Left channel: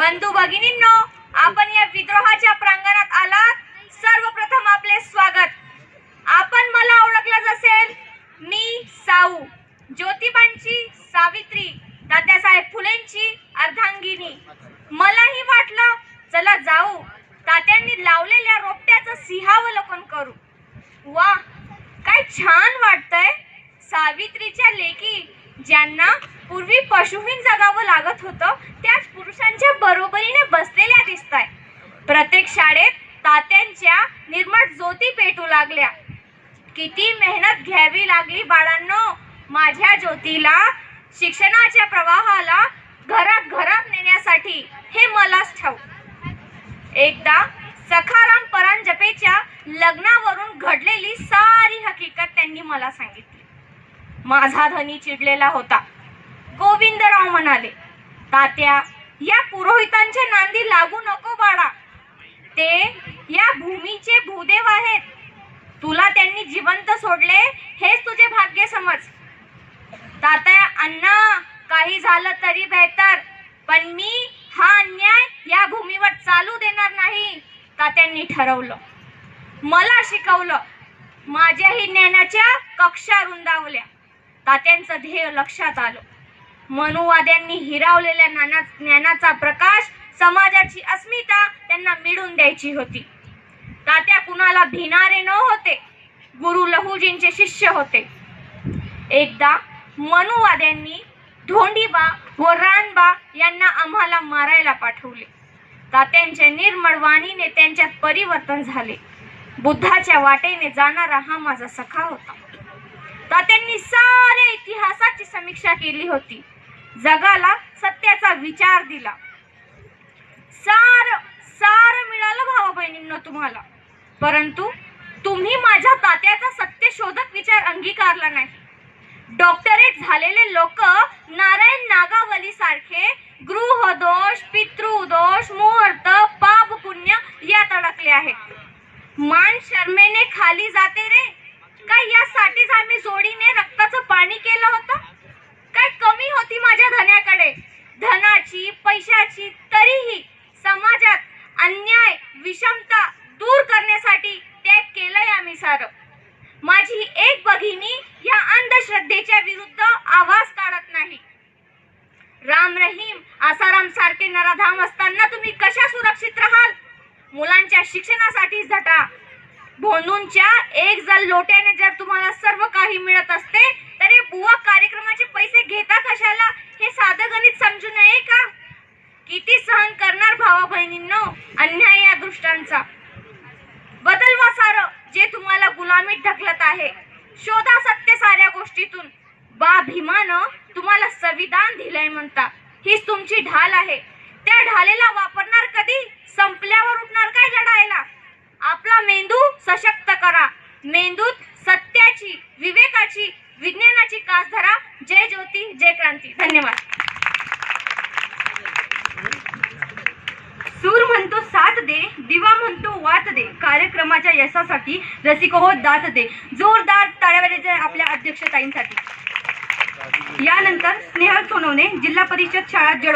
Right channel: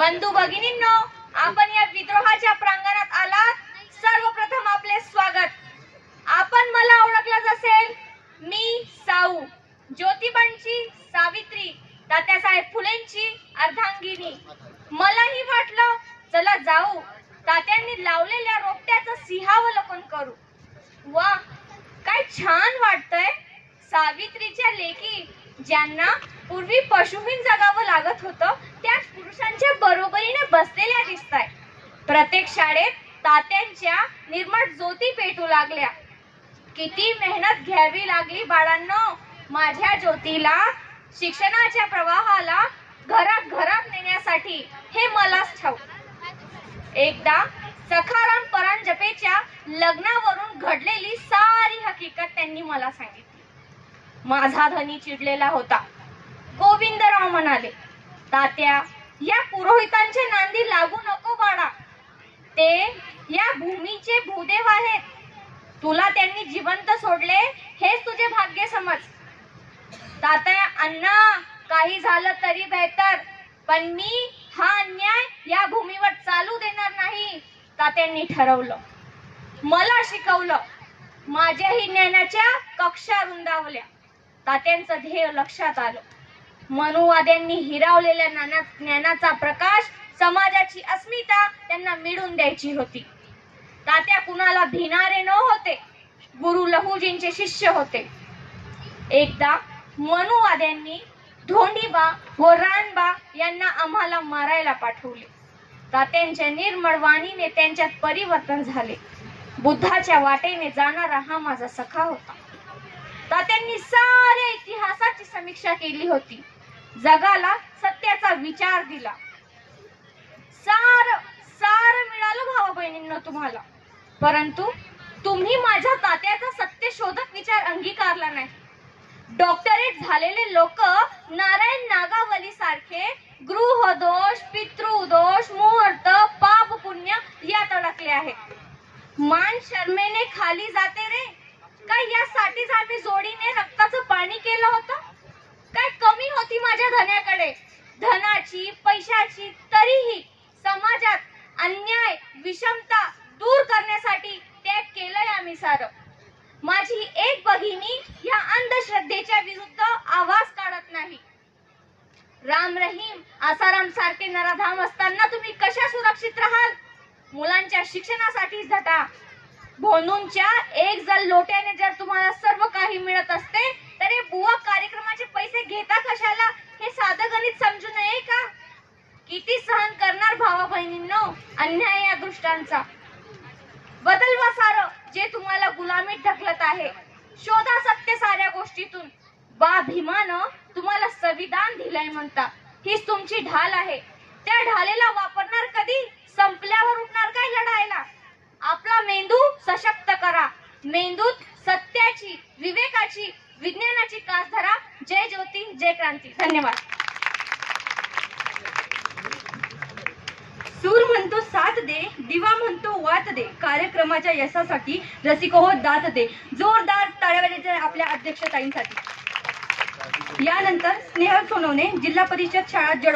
बंधू भगिनींनो आपण या विद्रोहाच्या प्रांगणात आलात. सर्वप्रथम आपले स्वागत. आपण मला ओळखलंच असेल मी साऊ ज्योतिबांची सावित्री तात्यासाहेब फुलेंची अर्धांगिनी. मलाही वाटलं चला जाऊ. तात्यांनी लावलेल्या रोपट्याचं सिंहावलोकन करू. वा काय छान वाटतंय. सावित्रीच्या लेखी ज्यांना पूर्वी पशुहीन जगावं लागत होतं त्याच पुरुषांच्या बरोबरीने बसलेल्या दिसताय. प्रत्येक शाळेत तात्यांच्या निर्मळ ज्योती पेटू लागल्या. किती मेहनत घ्यावी लागली बाळांनो. माझ्या ज्योतीला शिक्षणाच्या प्रवाहाला घरात घरात नेण्यासाठी हे मलाच ठाऊ एकदा सखाराम परांजपेच्या लग्नावरून घडलेली सारी हकीकत त्यांनी मला सांगितली. माझा धनी चिडलेला होता. गोविंदराव म्हणाले तात्या या पुरोहितांच्या नांदी लागू नको बाळा. ते या भूमीचे भूदेव आहेत. तुला त्यांनी जिवंत सोडले हेच तुझे भाग्य समज. तात्या अण्णा काही झालं तरी बेहतर पण मी हा अन्याय या भूमीवर चालू देणार नाही. तात्यांनी ठरवलं. मला शिकवलं माझ्याही ज्ञानाच्या कक्षा रुंदावल्या. तात्यांचं ध्येय लक्षात आलं. मनुवाद्यांनी हिरावलेल्या ज्ञाना ज्ञानाचा प्रकाश समाजाची अस्मिता त्यांना मिळून द्यायची होती. तात्या कुणाला भिणारे न होते गुरु लहुजींचे शिष्य होते. एकदा मनुवाद्यांनी धोंडीबा व रानबा यांना आम्हाला मारायला पाठवले. तात्यांच्या निर्मळ वाणीने त्यांच्यात परिवर्तन झाले. बुद्धाच्या वाटेने जाणारा हा माझा सखा होता. तात्यांनी सारे इतिहासाची समीक्षा केली होती. जगाला सत्याचा विचार दिला. सार सार मिळालं भावा बहिणींना तुम्हाला. परंतु तुम्ही माझ्या तात्याचा सत्य शोधक विचार अंगीकारला नाही. डॉक्टरेट झालेले लोक नारायण नागावली सारखे गृहदोष पितृदोष मुहूर्त पाप पुण्य यात अडकले आहेत. मान शर्मेने खाली जाते रे. काय यासाठीच आम्ही जोडीने रक्ताचं पाणी केलं होतं? आपल्याकडे धनाची पैशाची तरीही समाजात अन्याय विषमता दूर करण्यासाठी ते केलंय आम्ही सारं. माझी एक भगिनी या अंधश्रद्धेच्या विरुद्ध आवाज काढत नाही. राम रहीम आसाराम सारखे नराधाम असताना तुम्ही कशा सुरक्षित राहाल? मुलांच्या शिक्षणासाठी झटा. भोंदूंच्या एक जर लोट्याने जर तुम्हाला सर्व काही मिळत असते भावा बहिणींनो अन्याय या दृष्टांचा. बदलवा सारं जे तुम्हाला गुलामीत ढकलत आहे. शोधा सत्य साऱ्या गोष्टीतून. बा भीमानं तुम्हाला संविधान दिलंय म्हणता. हीच तुमची ढाल आहे. त्या ढालेला वापरणार कधी? संपल्यावर उठणार काय लढायला? आपला मेंदू सशक्त करा. मेंदूत सत्याची विवेकाची विज्ञानाची कास धरा जय ज्योती जय क्रांती. धन्यवाद सूर दे दिवा म्हणतो वात दे कार्यक्रमाच्या यशासाठी रसिको हो दात दे जोरदार टाळ्यावाल्याच्या आपल्या अध्यक्षताईंसाठी. यानंतर स्नेहल सोनवणे जिल्हा परिषद शाळा जड